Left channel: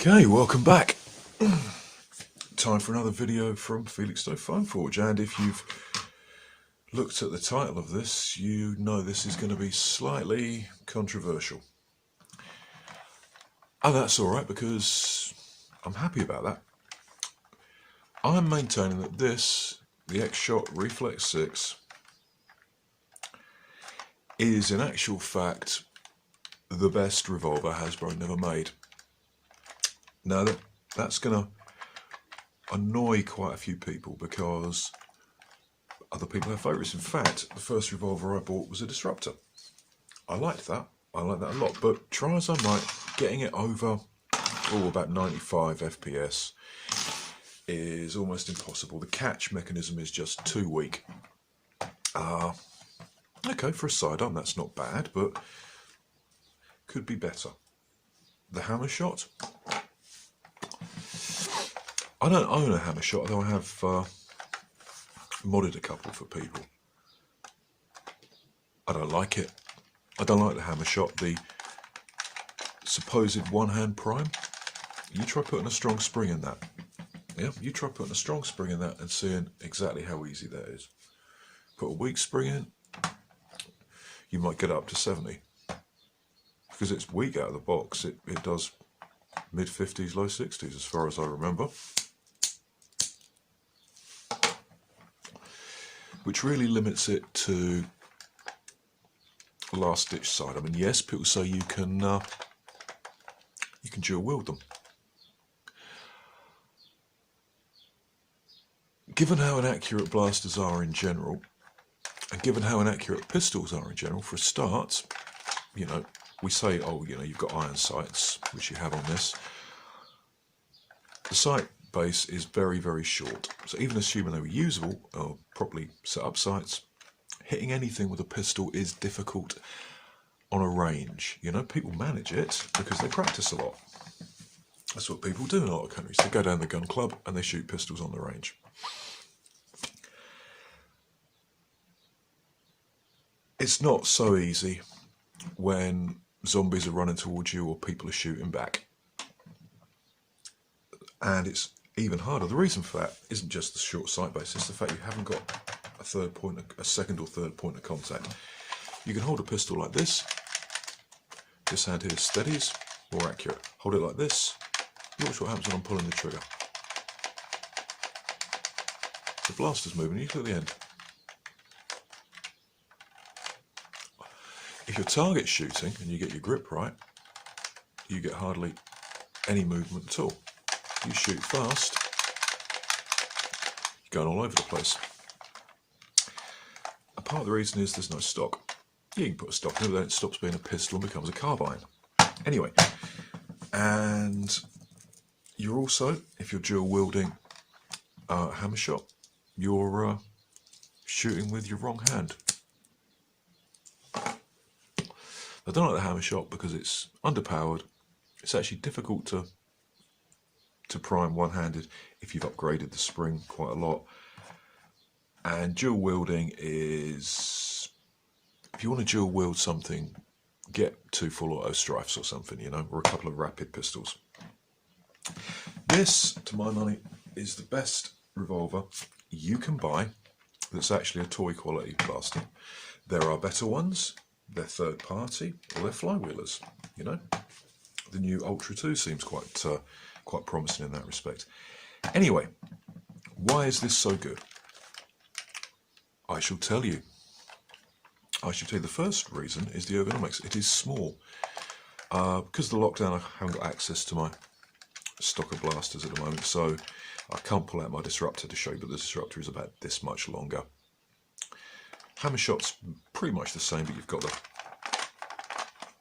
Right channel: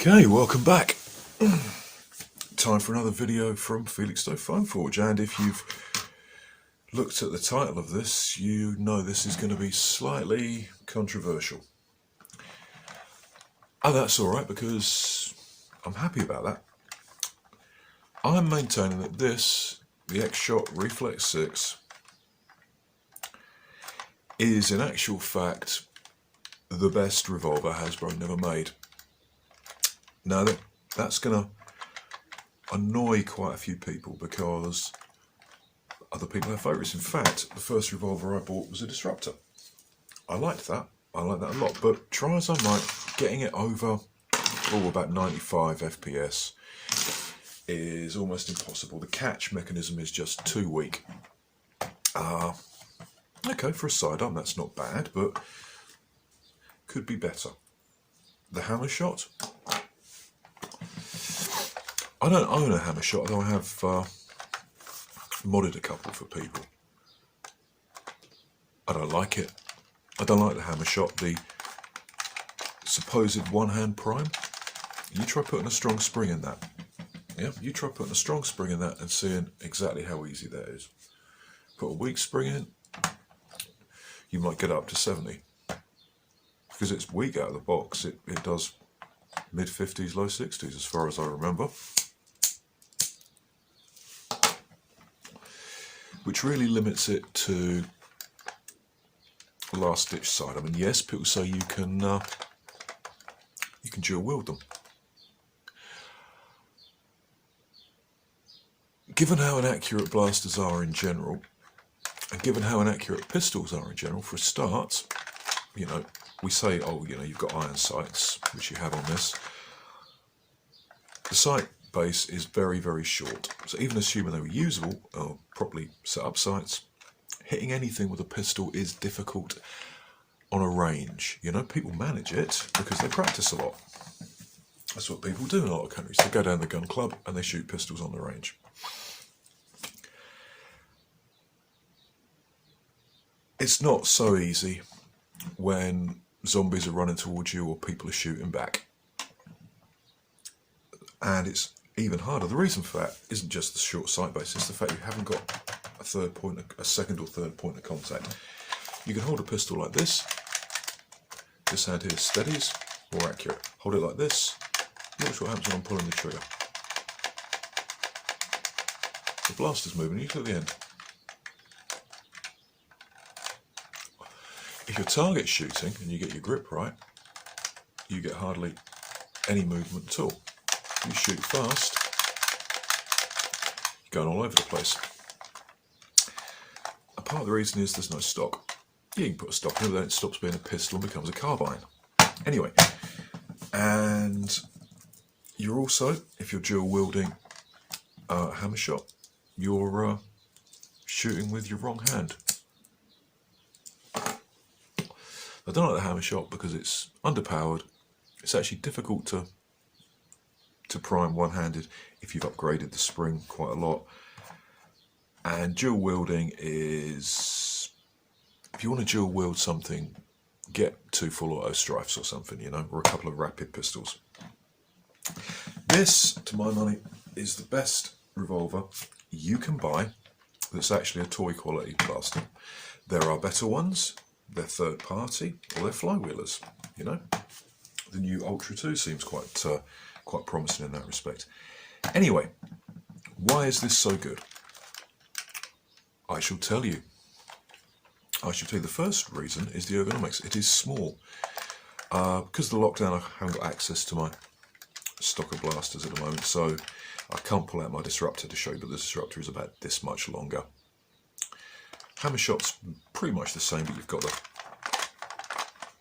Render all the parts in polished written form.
Okay, welcome back. Time for another video from Felix5Forge, and if you've looked at the title of this, you know this is going to be slightly controversial. And that's alright, because I'm happy about that. I'm maintaining that this, the X-Shot Reflex 6, is in actual fact the best revolver Hasbro never made. Now that's going to annoy quite a few people because other people have favourites. In fact, the first revolver I bought was a Disruptor. I liked that. I like that a lot. But try as I might, getting it over about 95 FPS is almost impossible. The catch mechanism is just too weak. Okay, for a sidearm that's not bad, but could be better. The hammer shot. I don't own a hammer shot, though I have modded a couple for people. I don't like it. I don't like the hammer shot, the supposed one-hand prime. You try putting a strong spring in that. Yeah, you try putting a strong spring in that and seeing exactly how easy that is. Put a weak spring in, you might get up to 70. Because it's weak out of the box, it does mid-50s, low 60s as far as I remember. Which really limits it to last ditch side. I mean, yes, people say you can dual wield them. Given how inaccurate blasters are in general, and given how inaccurate pistols are in general, for a start, you know, we say, oh, you know, you've got iron sights, which you have on this. The sight base is very, very short. So even assuming they were usable, or properly set up sights, hitting anything with a pistol is difficult on a range. You know, people manage it because they practice a lot. That's what people do in a lot of countries. They go down the gun club and they shoot pistols on the range. It's not so easy when zombies are running towards you or people are shooting back. And it's even harder. The reason for that isn't just the short sight base, it's the fact you haven't got a second or third point of contact. You can hold a pistol like this. This hand here steadies, more accurate. Hold it like this. Watch what happens when I'm pulling the trigger. The blaster's moving, you to the end. If you're target shooting and you get your grip right, you get hardly any movement at all. You shoot fast, you're going all over the place. A part of the reason is there's no stock. You can put a stock in it, then it stops being a pistol and becomes a carbine. Anyway, and you're also, if you're dual wielding a hammer shot, you're shooting with your wrong hand. I don't like the hammer shot because it's underpowered. It's actually difficult to prime one-handed if you've upgraded the spring quite a lot. And dual wielding is, if you want to dual wield something, get 2 full auto strifes or something, you know, or a couple of rapid pistols. This, to my money, is the best revolver you can buy that's actually a toy quality blaster. There are better ones, they're third party, or they're flywheelers, you know. The new Ultra 2 seems quite promising in that respect. Anyway, why is this so good? I shall tell you. The first reason is the ergonomics. It is small. Because of the lockdown, I haven't got access to my stock of blasters at the moment, so I can't pull out my Disruptor to show you, but the Disruptor is about this much longer. Hammer shot's pretty much the same, but you've got the...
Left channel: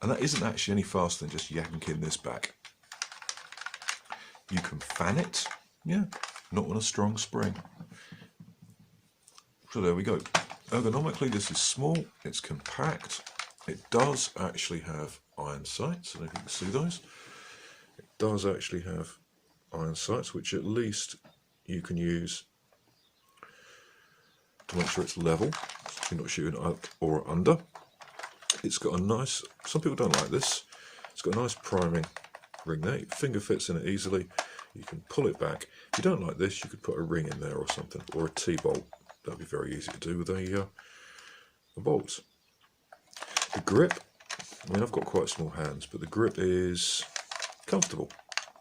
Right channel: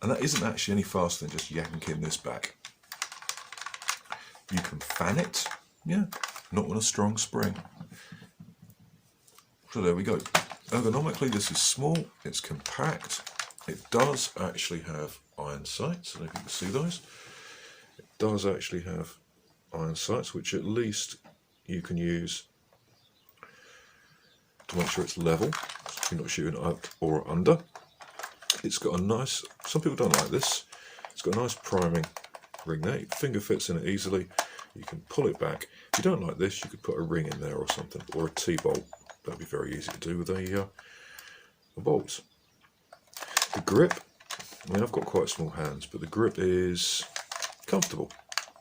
And that isn't actually any faster than just yanking this back. You can fan it, yeah, not on a strong spring. So there we go. Ergonomically, this is small, it's compact. It does actually have iron sights, I don't know if you can see those. It does actually have iron sights, which at least you can use to make sure it's level, so you're not shooting up or under. It's got a nice, some people don't like this, it's got a nice priming ring there. Your finger fits in it easily. You can pull it back. If you don't like this, you could put a ring in there or something, or a T-bolt. That'd be very easy to do with a bolt. The grip, I mean, I've got quite small hands, but the grip is comfortable.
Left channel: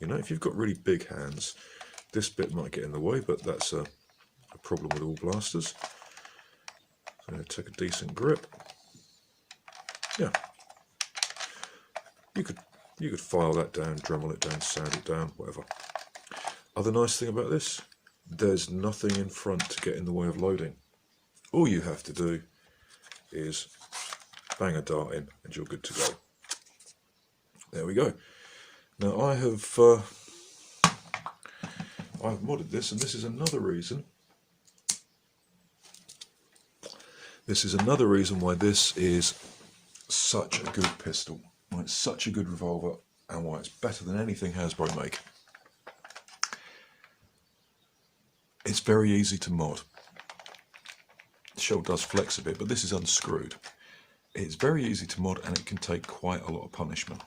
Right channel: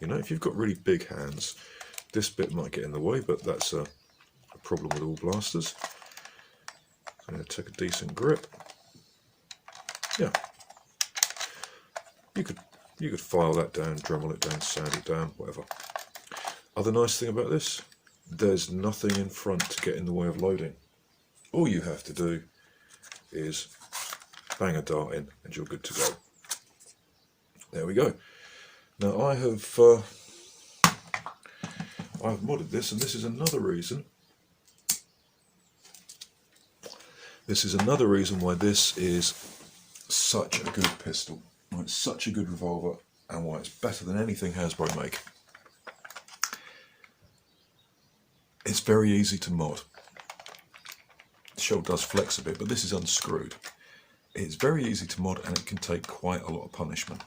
You know, if you've got really big hands, this bit might get in the way, but that's a problem with all blasters. I'm going to take a decent grip. Yeah. You could file that down, Dremel it down, sand it down, whatever. Other nice thing about this, there's nothing in front to get in the way of loading. All you have to do is bang a dart in and you're good to go. There we go. Now I've modded this, and this is another reason. This is another reason why this is such a good pistol, why it's such a good revolver, and why it's better than anything Hasbro make. It's very easy to mod. The shell does flex a bit, but this is unscrewed. It's very easy to mod, and it can take quite a lot of punishment.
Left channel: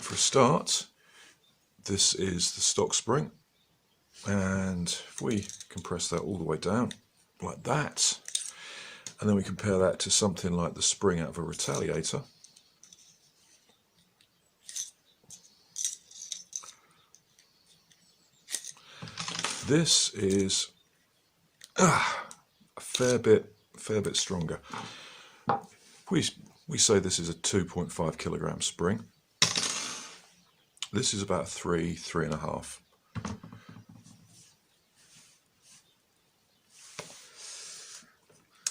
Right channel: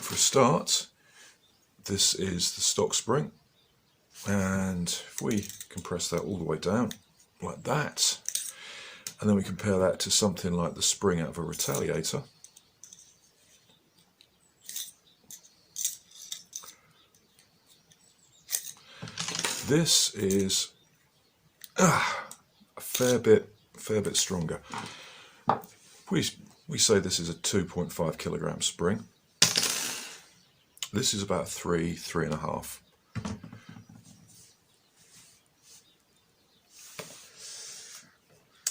For a start, this is the stock spring, and if we compress that all the way down like that, and then we compare that to something like the spring out of a Retaliator, this is a fair bit stronger. We say this is a 2.5 kilogram spring. This is about 3.5.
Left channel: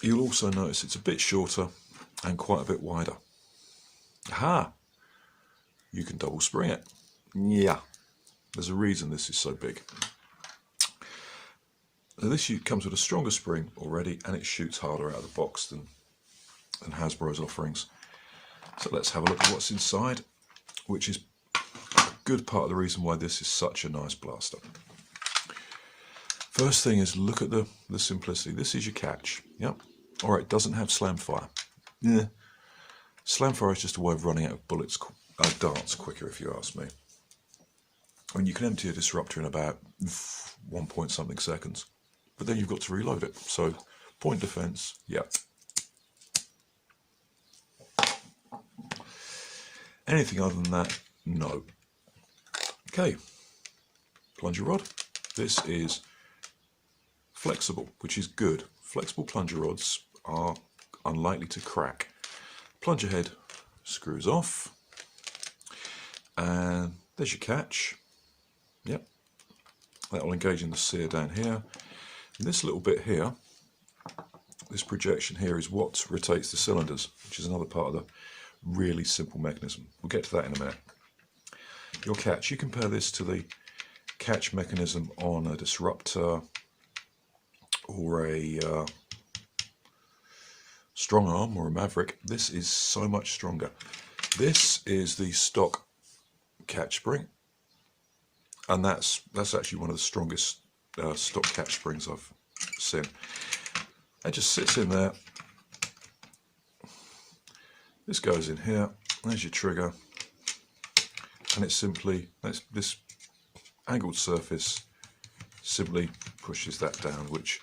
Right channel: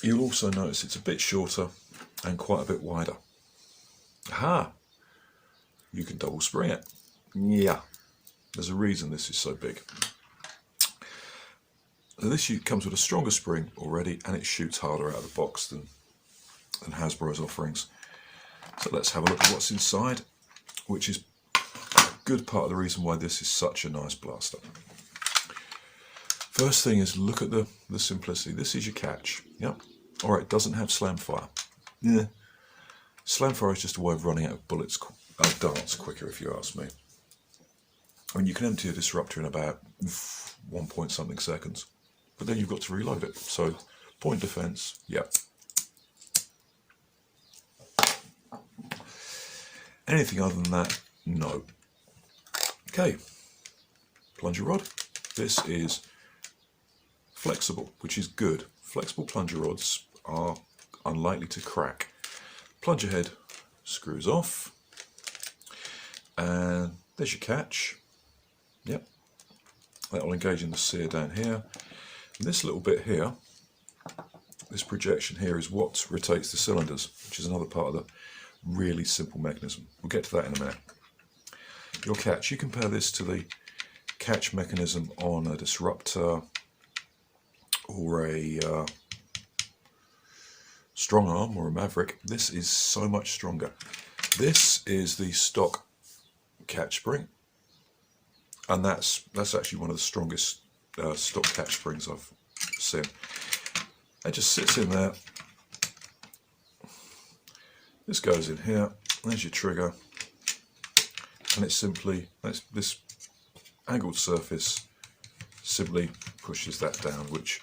You'll also notice it's a bit shorter and quite a bit wider. Aha! You can double spring it. Yeah, there's a reason this is so big. This comes with a stronger spring already, and it shoots harder out of the box than Hasbro's offerings. So let's have a look at what's inside, which is a good part of the reason why this is such a nice blaster. First thing is, look at the simplicity. This is your catch. Yep. Alright, it doesn't have slam fire. Yeah. Slam fire is just a way of running out of bullets, darts quicker, if you ask me. I mean, you can empty a disruptor in about 1 point something seconds, but then you've got to reload it. So, point defense, yep. Anything other than that, no. Okay, plunger rod. This is flexible, which is good. Flexible plunger rods are unlikely to crack. Plunger head screws off, and there's your catch. Yep, that will engage in the sear down here. And this little bit here, this projection here, is what rotates the cylinders, which is another part of the really simple mechanism. We'll get to that in a minute. Your catch, you compare this to the catch mechanism on a disruptor or a strong arm or a Maverick. This is so much stronger. This is the stock catch spring, and that's actually one of the strongest stock catch springs I've seen. It just sits in there. This goes in here. There's your trigger, and it simply, this angled surface simply pushes that down, which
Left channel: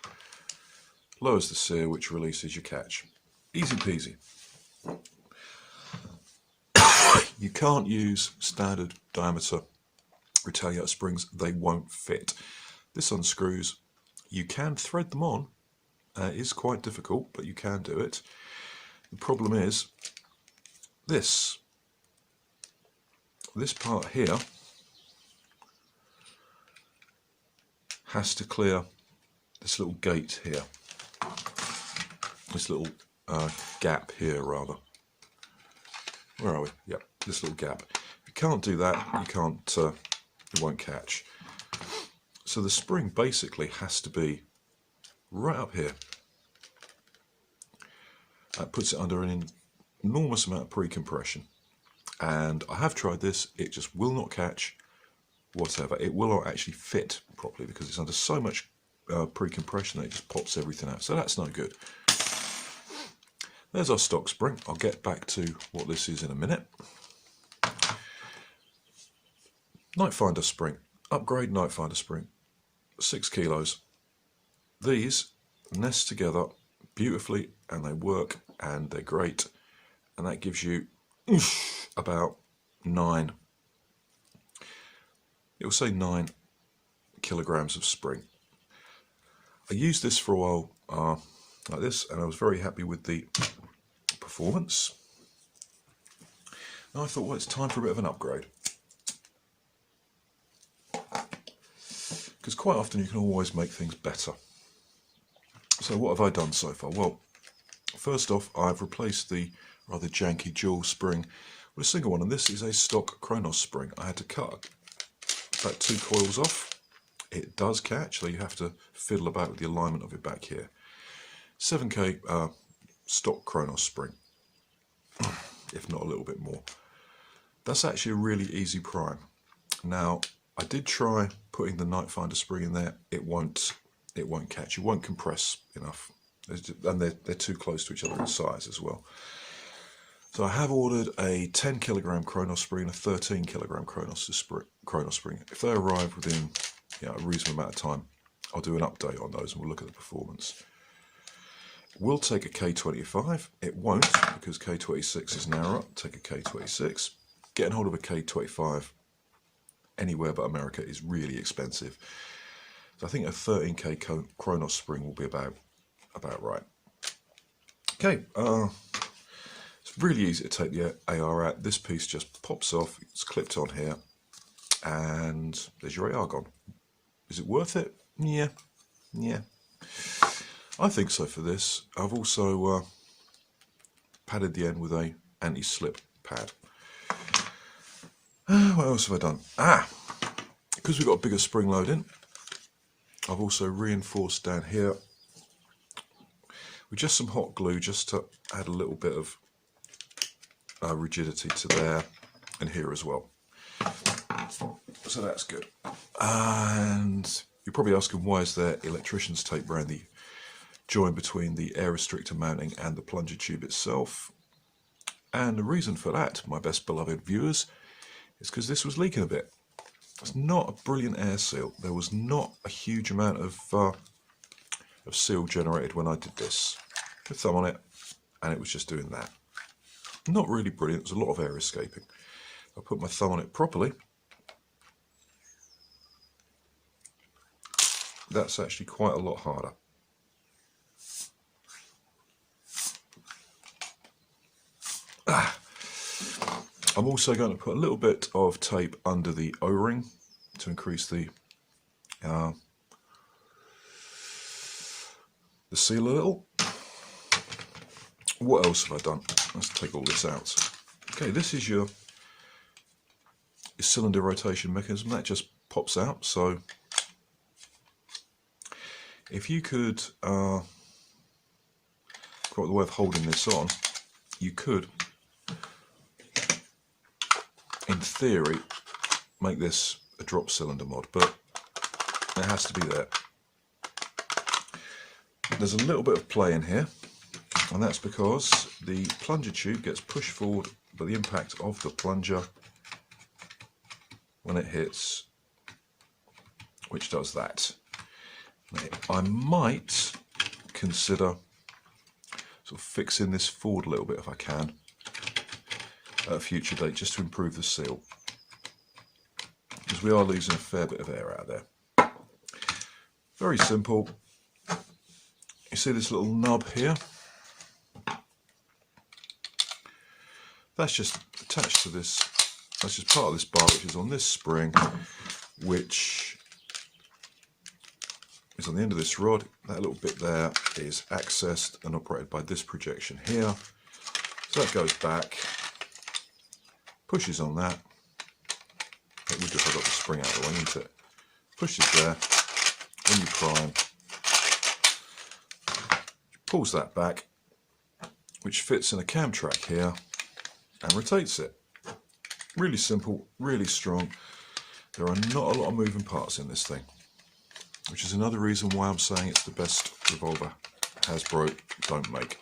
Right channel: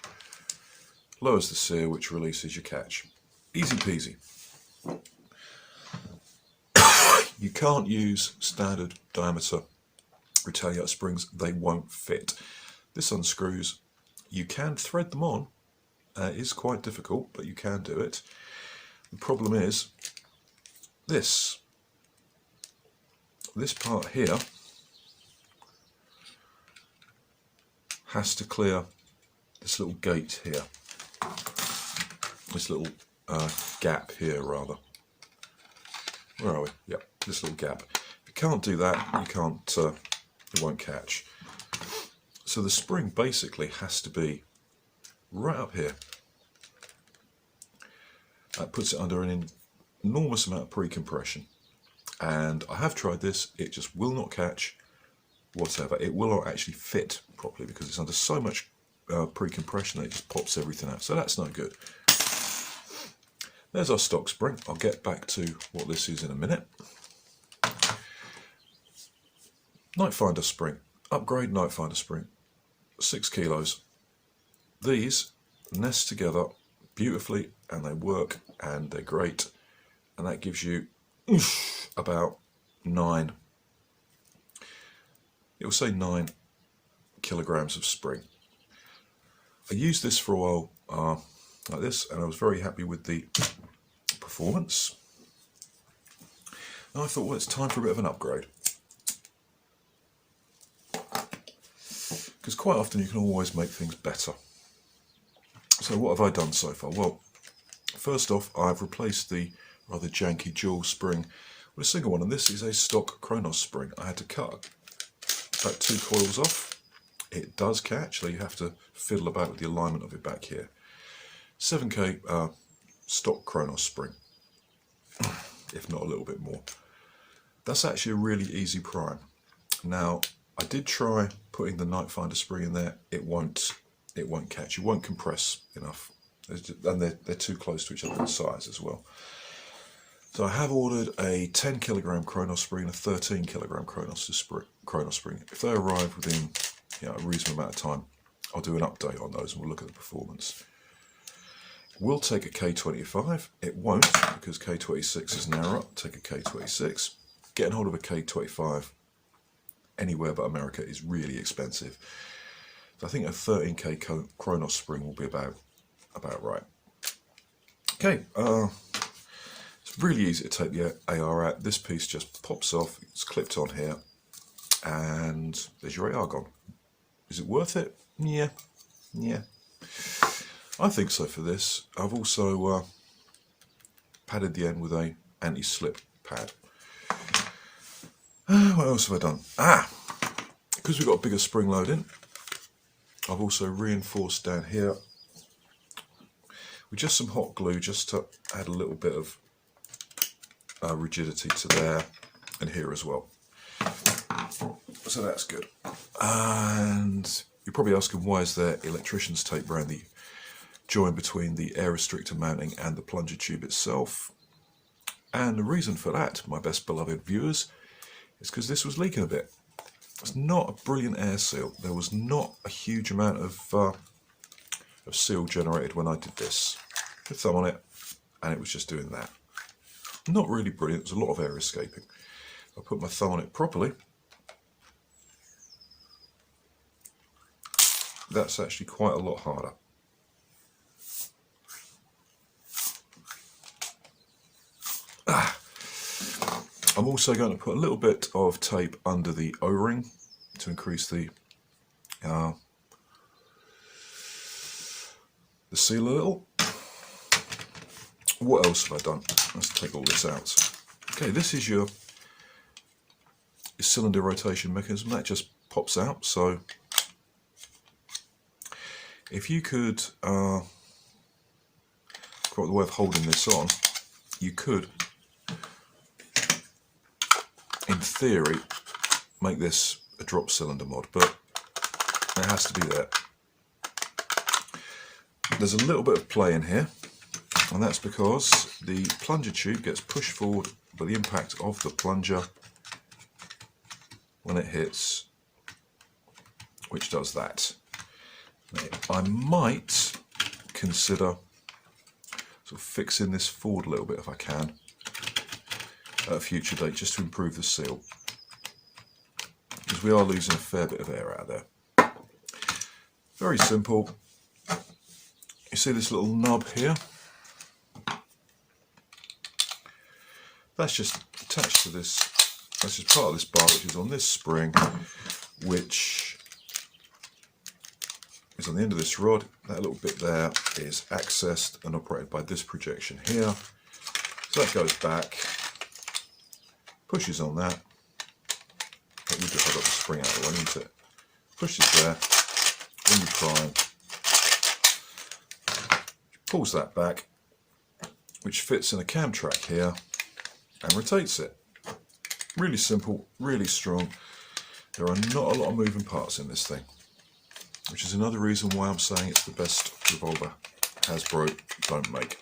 lowers the sear, which releases your catch. Easy peasy. You can't use standard diameter Retaliator springs, they won't fit. This unscrews. You can thread them on. It is quite difficult, but you can do it. The problem is this part here has to clear this little gate here, this little gap here rather. Where are we? Yep, this little gap. If you can't do that, you can't, it won't catch. So the spring basically has to be right up here. That puts it under an enormous amount of pre-compression. And I have tried this, it just will not catch whatever. It will not actually fit properly because it's under so much pre-compression that it just pops everything out. So that's no good. There's our stock spring. I'll get back to what this is in a minute. Night Finder spring, upgrade Night Finder spring, 6 kilos. These nest together beautifully and they work and they're great, and that gives you about 9, it'll say 9 kilograms of spring. I used this for a while like this, and I was very happy with the performance. And I thought, well, it's time for a bit of an upgrade. Because quite often you can always make things better. So what have I done so far? Well, first off, I've replaced the rather janky dual spring with a single one, and this is a stock Kronos spring. I had to cut about 2 coils off. It does catch, so you have to fiddle about with the alignment of it back here. 7K stock Kronos spring, if not a little bit more. That's actually a really easy prime. Now, I did try putting the Night Finder spring in there. It won't catch. It won't compress enough, and they're too close to each other in size as well. So I have ordered a 10 kilogram Kronos spring and a 13 kilogram Kronos spring. If they arrive within a reasonable amount of time, I'll do an update on those and we'll look at the performance. It will take a K25. It won't, because K26 is narrower. Take a K26. Getting hold of a K25 anywhere but America is really expensive. So I think a 13K Kronos spring will be about right. Okay, it's really easy to take the AR out. This piece just pops off, it's clipped on here, and there's your AR gone. Is it worth it? Yeah. I think so for this. I've also padded the end with a anti-slip pad. What else have I done? Because we've got a bigger spring load in, I've also reinforced down here with just some hot glue, just to add a little bit of rigidity to there and here as well. So that's good. And you're probably asking, why is there electrician's tape around the join between the air restrictor mounting and the plunger tube itself? And the reason for that, my best beloved viewers, is because this was leaking a bit. It's not a brilliant air seal. There was not a huge amount of seal generated when I did this. Put a thumb on it, and it was just doing that. Not really brilliant. There's a lot of air escaping. I put my thumb on it properly. That's actually quite a lot harder. I'm also going to put a little bit of tape under the O-ring to increase the seal a little. What else have I done? Let's take all this out. Okay, this is your cylinder rotation mechanism. That just pops out. So if you could, quite the way of holding this on, you could, in theory, make this a drop cylinder mod, but it has to be there. There's a little bit of play in here, and that's because the plunger tube gets pushed forward by the impact of the plunger when it hits, which does that. I might consider sort of fixing this forward a little bit if I can at a future date, just to improve the seal, because we are losing a fair bit of air out there. Very simple. You see this little knob here? That's just attached to this. That's just part of this bar, which is on this spring, which is on the end of this rod. That little bit there is accessed and operated by this projection here. So that goes back, pushes on that. We just have got the spring out of the way, isn't it? Pushes there, when you prime, pulls that back, which fits in a cam track here and rotates it. Really simple, really strong. There are not a lot of moving parts in this thing, which is another reason why I'm saying it's the best revolver Hasbro don't make.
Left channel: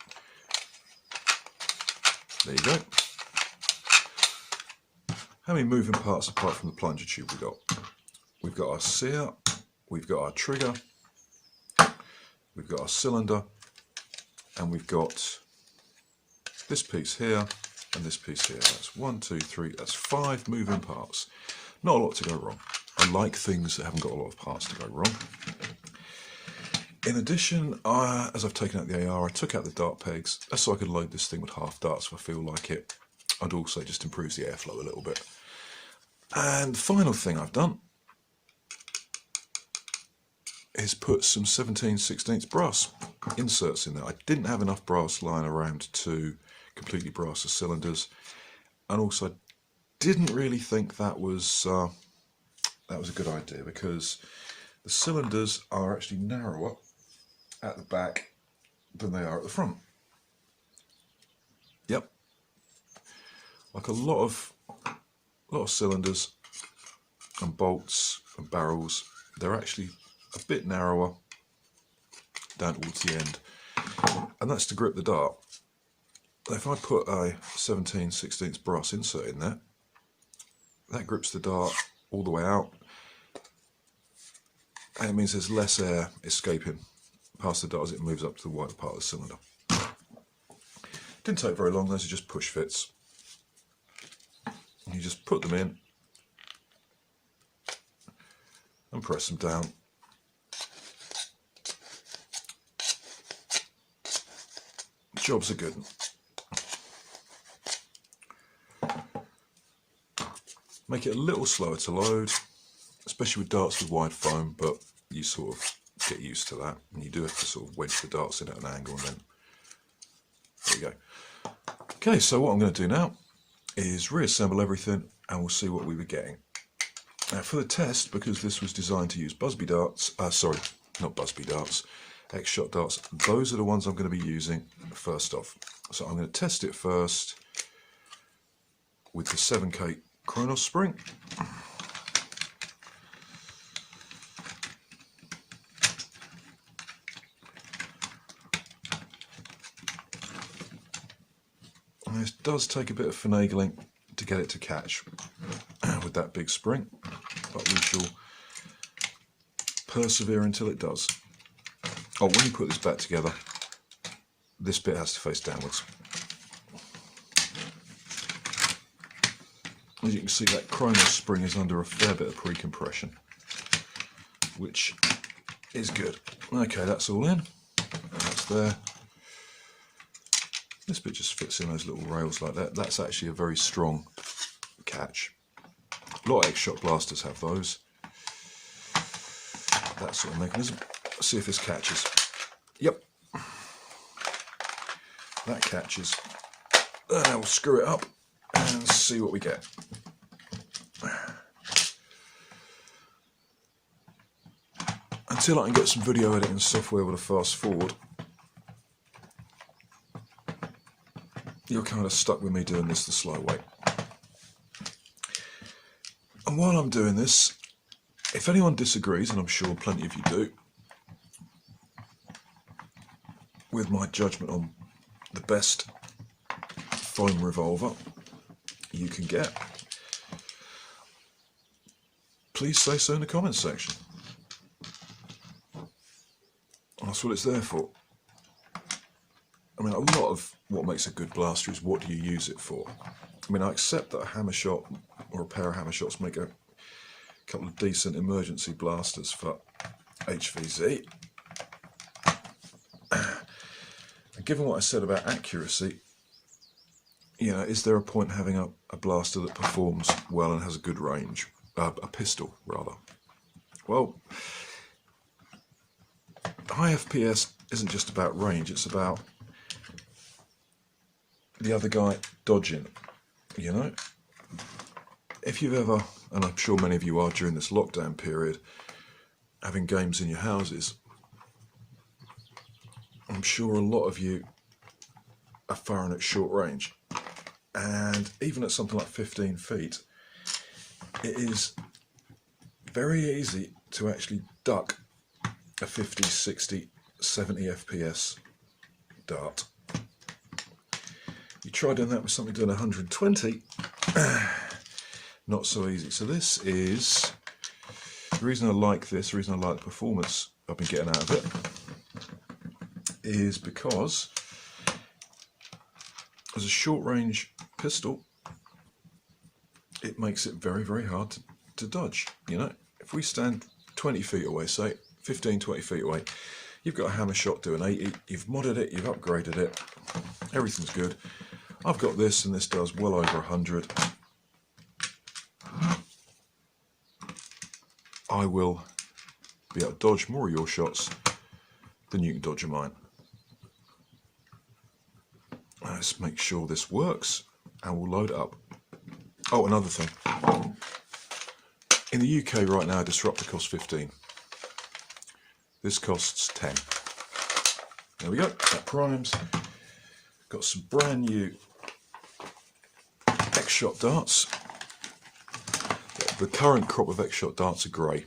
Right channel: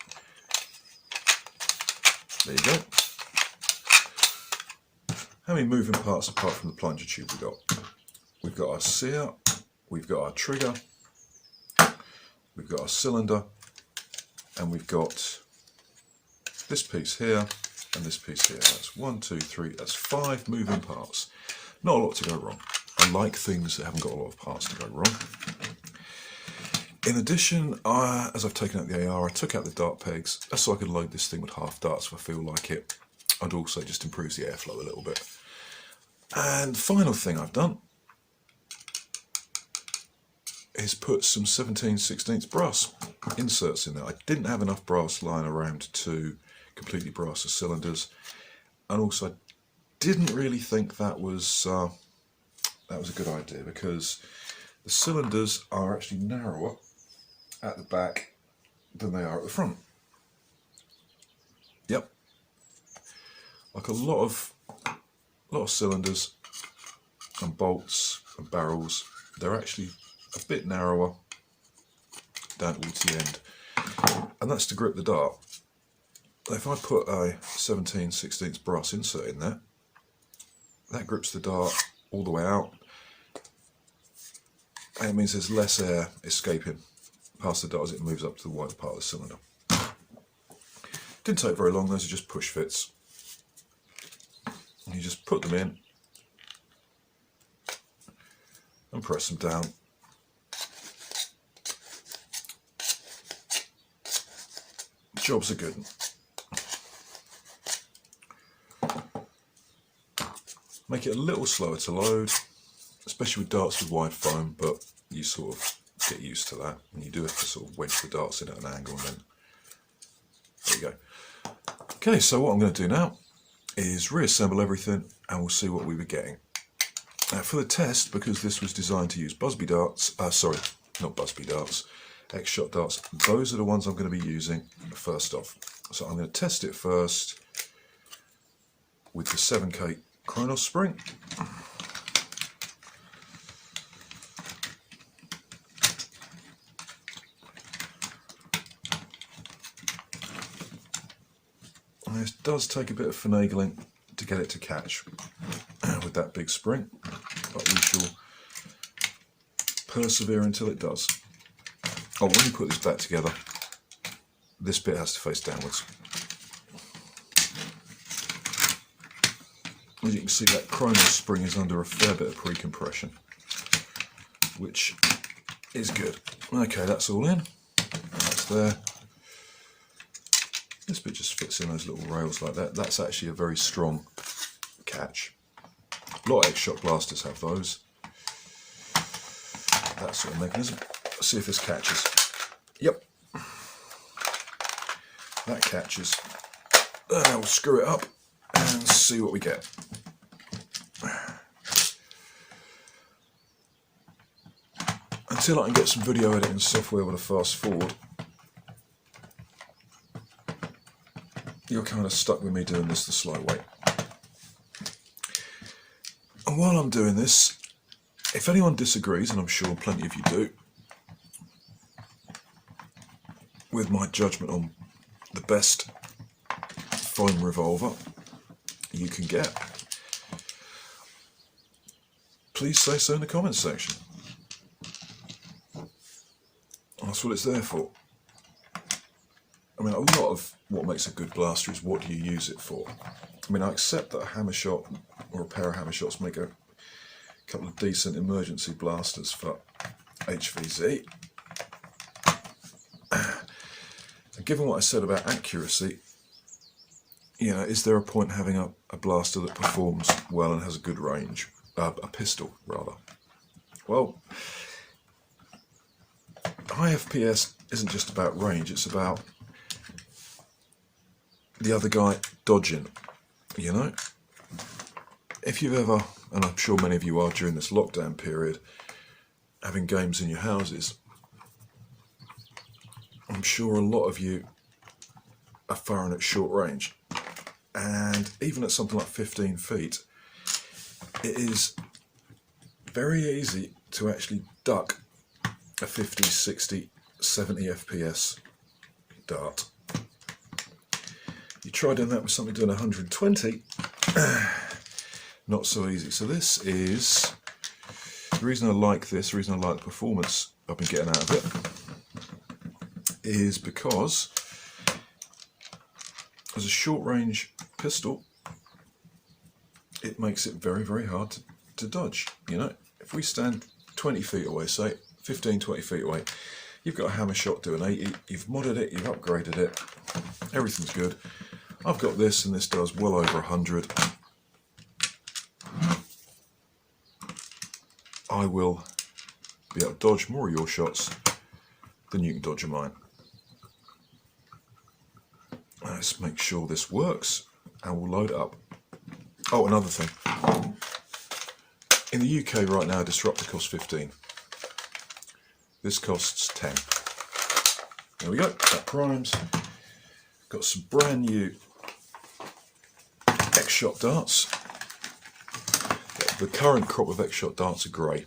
There you go. how many moving parts apart from the plunger tube we got? We've got our sear, we've got our trigger, we've got our cylinder, and we've got this piece here and this piece here. That's 1, 2, 3, that's 5 moving parts. Not a lot to go wrong. I like things that haven't got a lot of parts to go wrong. In addition, as I've taken out the AR, I took out the dart pegs just so I could load this thing with half darts if I feel like it. I'd also just improve the airflow a little bit. And the final thing I've done is put some 17/16 brass inserts in there. I didn't have enough brass lying around to completely brass the cylinders, and also I didn't really think that was a good idea, because the cylinders are actually narrower at the back than they are at the front. Yep, like a lot of cylinders and bolts and barrels, they're actually a bit narrower down towards the end, and that's to grip the dart. If I put a 17/16 brass insert in there, that grips the dart all the way out, and it means there's less air escaping past the dart as it moves up to the wider part of the cylinder. Didn't take very long, those are just push fits. You just put them in and press them down. Job's a good one. Make it a little slower to load, especially with darts with wide foam, but you sort of get used to that, and you do have to sort of wedge the darts in at an angle, and then there you go. Okay, so what I'm going to do now is reassemble everything, and we'll see what we were getting. For the test, because this was designed to use Busby darts, sorry, not Busby darts, X-Shot darts, those are the ones I'm going to be using first off. So I'm going to test it first with the 7K Kronos spring. And this does take a bit of finagling to get it to catch with that big spring, but we shall persevere until it does. Oh, when you put this back together, this bit has to face downwards. As you can see, that Kronos spring is under a fair bit of pre-compression, which is good. Okay, that's all in. That's there. This bit just fits in those little rails like that. That's actually a very strong catch. A lot of X-Shot blasters have those. That sort of mechanism. Let's see if this catches. Yep. That catches. We'll screw it up and see what we get. Until I can get some video editing software with a fast forward, you're kind of stuck with me doing this the slow way. And while I'm doing this, if anyone disagrees, and I'm sure plenty of you do, with my judgment on the best foam revolver you can get, please say so in the comments section. That's what it's there for. I mean, a lot of what makes a good blaster is what do you use it for. I mean, I accept that a hammer shot or a pair of hammer shots make a couple of decent emergency blasters for HVZ. And given what I said about accuracy, you know, is there a point having a blaster that performs well and has a good range? A pistol, rather. Well, high FPS isn't just about range, it's about the other guy dodging, you know? If you've ever, and I'm sure many of you are during this lockdown period, having games in your houses, I'm sure a lot of you are firing at short range. And even at something like 15 feet, it is very easy to actually duck a 50, 60, 70 FPS dart. You try doing that with something doing 120, not so easy. So this is, the reason I like this, the reason I like the performance I've been getting out of it, is because as a short range pistol, it makes it very, very hard to dodge. You know, if we stand 20 feet away, say 15, 20 feet away, you've got a hammer shot doing 80, you've modded it, you've upgraded it, everything's good. I've got this, and this does well over 100. I will be able to dodge more of your shots than you can dodge of mine. Let's make sure this works, and we'll load it up. Oh, another thing. In the UK right now, a disruptor costs 15. This costs 10. There we go, that primes. Got some brand new X-Shot darts. The current crop of X-Shot darts are grey.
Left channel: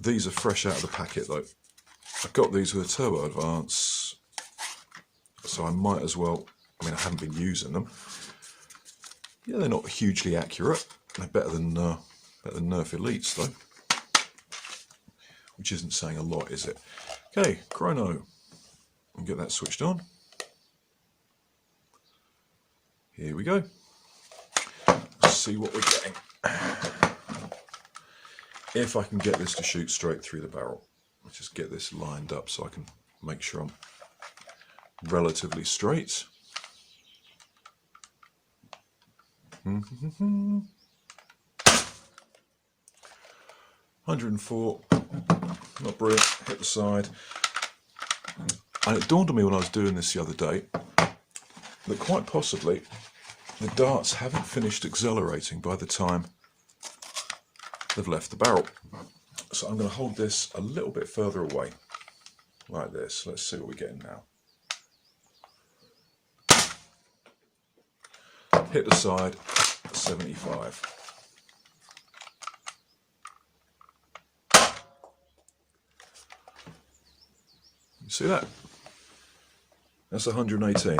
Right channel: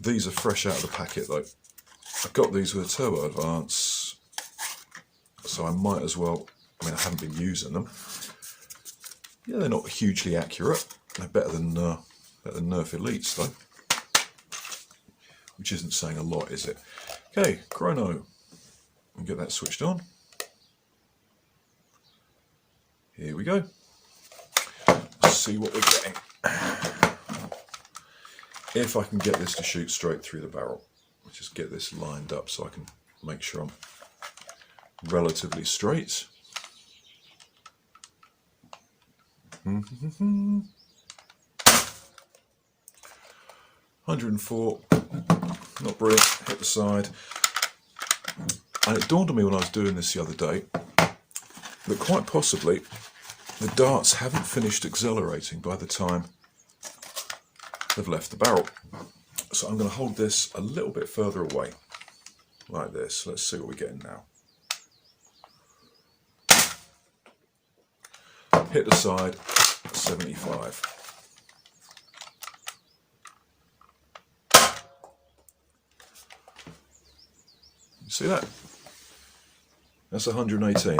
These are fresh out of the packet though. I got these with a Turbo Advance, so I might as well, I haven't been using them. Yeah, they're not hugely accurate. They're better than Nerf Elites though, which isn't saying a lot, is it? Okay, chrono. I'll get that switched on. Here we go. Let's see what we're getting. If I can get this to shoot straight through the barrel. Let's just get this lined up so I can make sure I'm relatively straight. 104, not brilliant, hit the side. And it dawned on me when I was doing this the other day that quite possibly the darts haven't finished accelerating by the time they've left the barrel. So I'm going to hold this a little bit further away, like this. Let's see what we're getting now. Hit the side, 75. You see that? That's 118.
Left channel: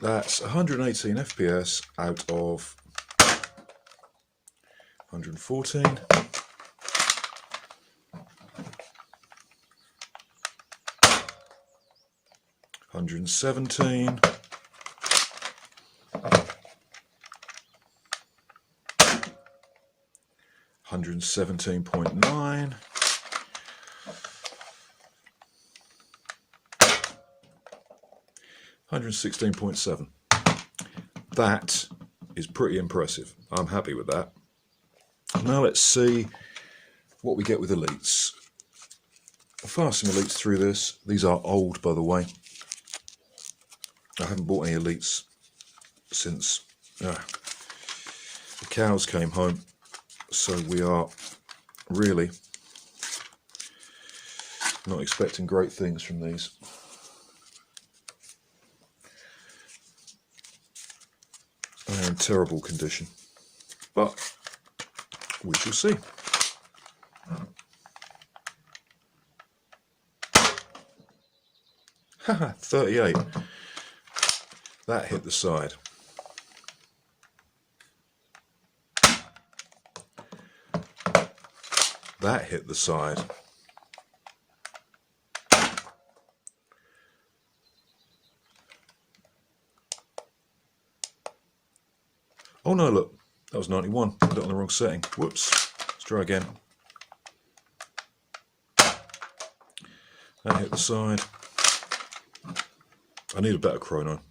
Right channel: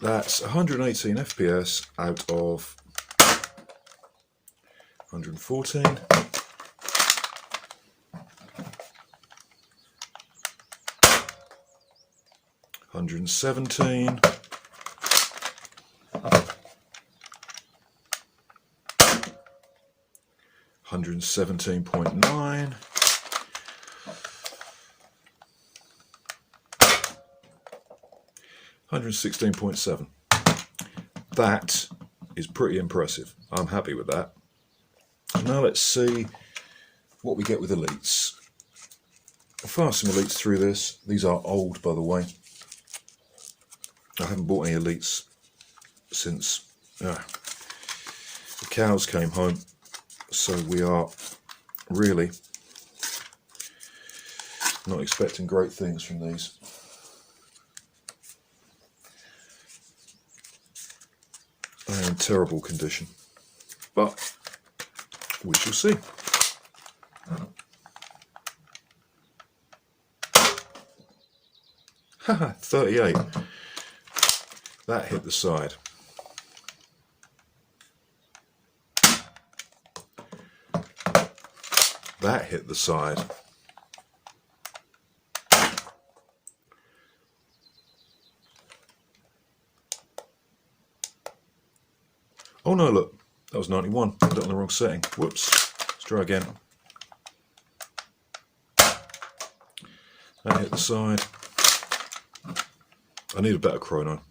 That's 118 FPS out of 114. 117. 117.9. 116.7. That is pretty impressive. I'm happy with that. Now let's see what we get with Elites. I'll fire some Elites through this. These are old, by the way. I haven't bought any Elites since the cows came home, so we are really not expecting great things from these. They're in terrible condition, but we shall see. Haha, 38. That hit the side. That hit the side. Oh no, look, that was 91. Put it on the wrong setting. Whoops. Let's try again. That hit the side. I need a better chrono.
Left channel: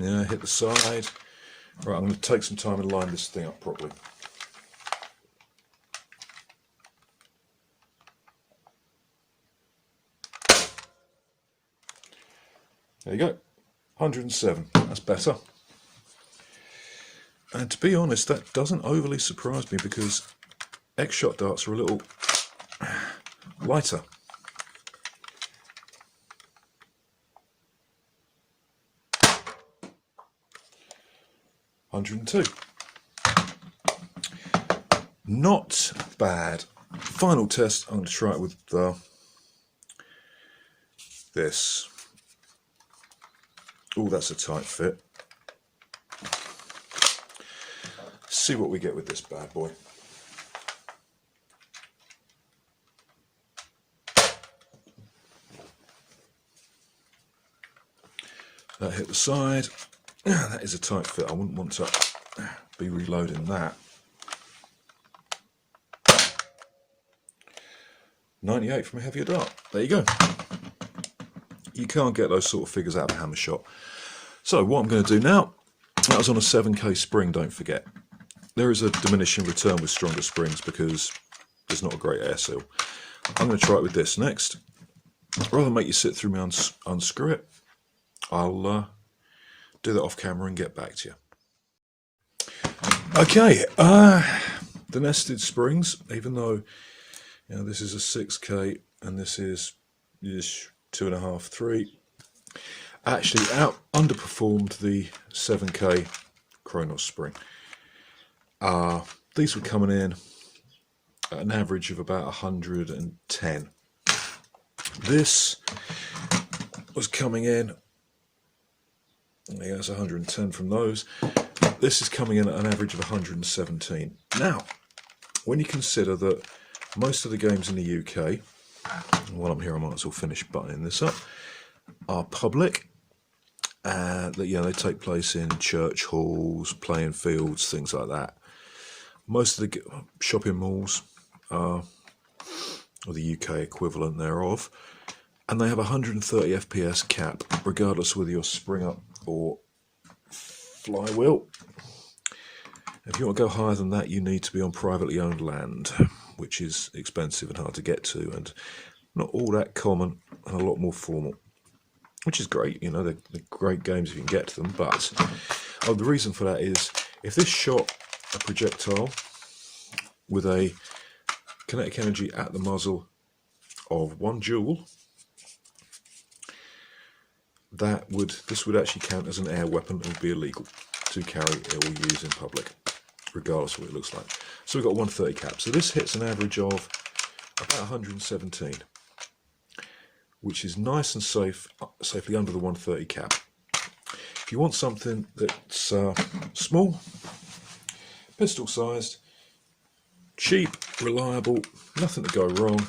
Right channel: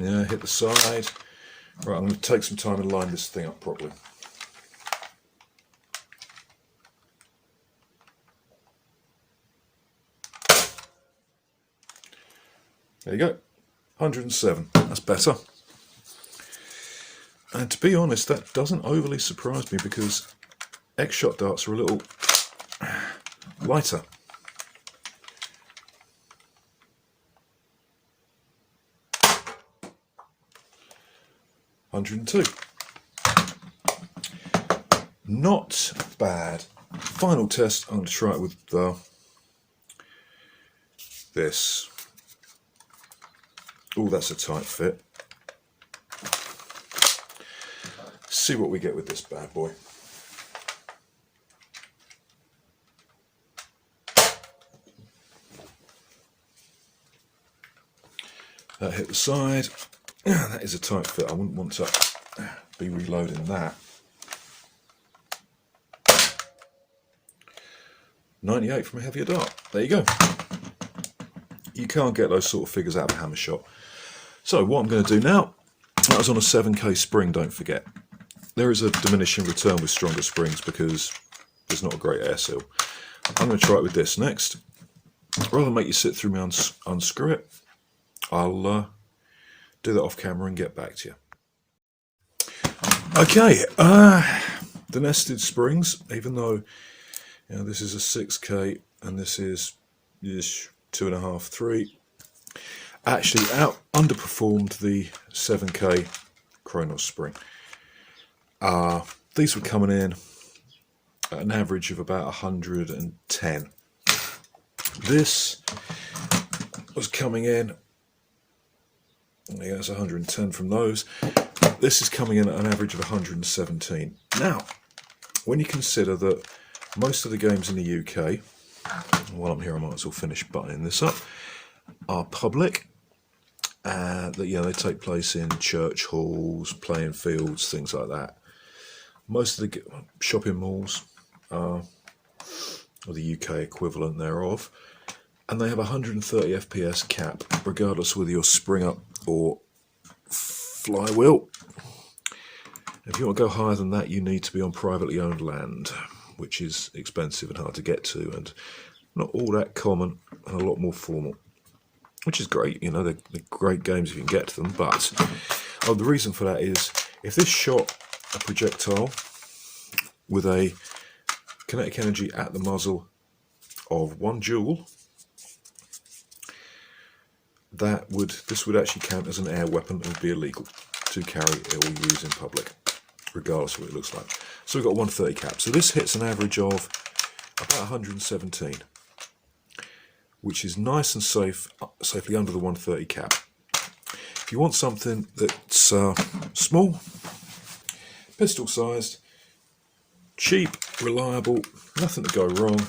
Yeah, hit the side. Right, I'm going to take some time and line this thing up properly. There you go. 107. That's better. And to be honest, that doesn't overly surprise me because X-Shot darts are a little lighter. $102. Not bad. Final test, I'm going to try it with this. Oh, that's a tight fit. See what we get with this bad boy. That hit the side. That is a tight fit. I wouldn't want to be reloading that. 98 from a heavier dart. There you go. You can't get those sort of figures out of a hammer shop. So what I'm going to do now, that was on a 7K spring, don't forget. There is a diminishing return with stronger springs because there's not a great air seal. I'm going to try it with this next. Rather than make you sit through me unscrew it, I'll do that off camera and get back to you. Okay, the nested springs, even though this is a 6K and this is 2.5, 3, actually underperformed the 7K Kronos spring. These were coming in at an average of about 110. This was coming in, that's 110 from those. This is coming in at an average of 117. Now, when you consider that most of the games in the UK, while I'm here I might as well finish buttoning this up, are public. They take place in church halls, playing fields, things like that. Most of the shopping malls are the UK equivalent thereof, and they have 130 FPS cap, regardless whether you're spring up or flywheel. If you want to go higher than that, you need to be on privately owned land, which is expensive and hard to get to, and not all that common, and a lot more formal. Which is great, they're great games if you can get to them, but the reason for that is, if this shot a projectile with a kinetic energy at the muzzle of 1 joule, this would actually count as an air weapon and would be illegal to carry or use in public, regardless of what it looks like. So we've got 130 cap. So this hits an average of about 117, which is nice and safely under the 130 cap. If you want something that's small, pistol sized, cheap, reliable, nothing to go wrong,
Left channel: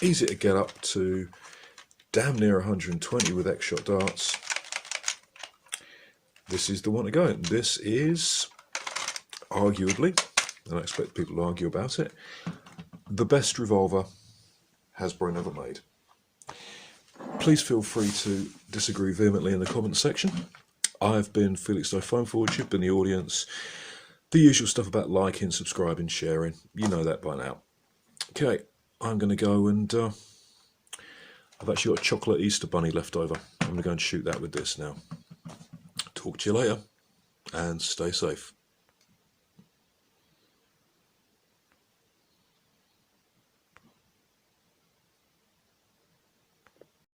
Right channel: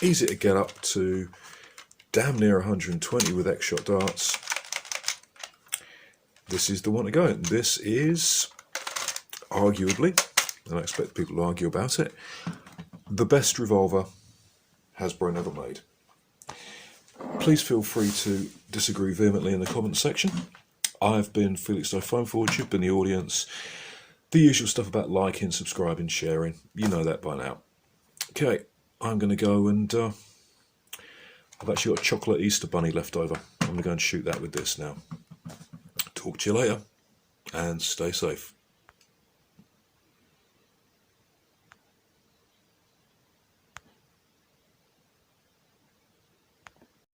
easy to get up to damn near 120 with X-shot darts, this is the one to go. This is arguably, and I expect people to argue about it, the best revolver Hasbro never made. Please feel free to disagree vehemently in the comments section. I've been Felix No Phone Forge, you've been the audience. The usual stuff about liking, subscribing, sharing, you know that by now. Okay, I'm going to go and I've actually got a chocolate Easter bunny left over. I'm going to go and shoot that with this now. Talk to you later and stay safe.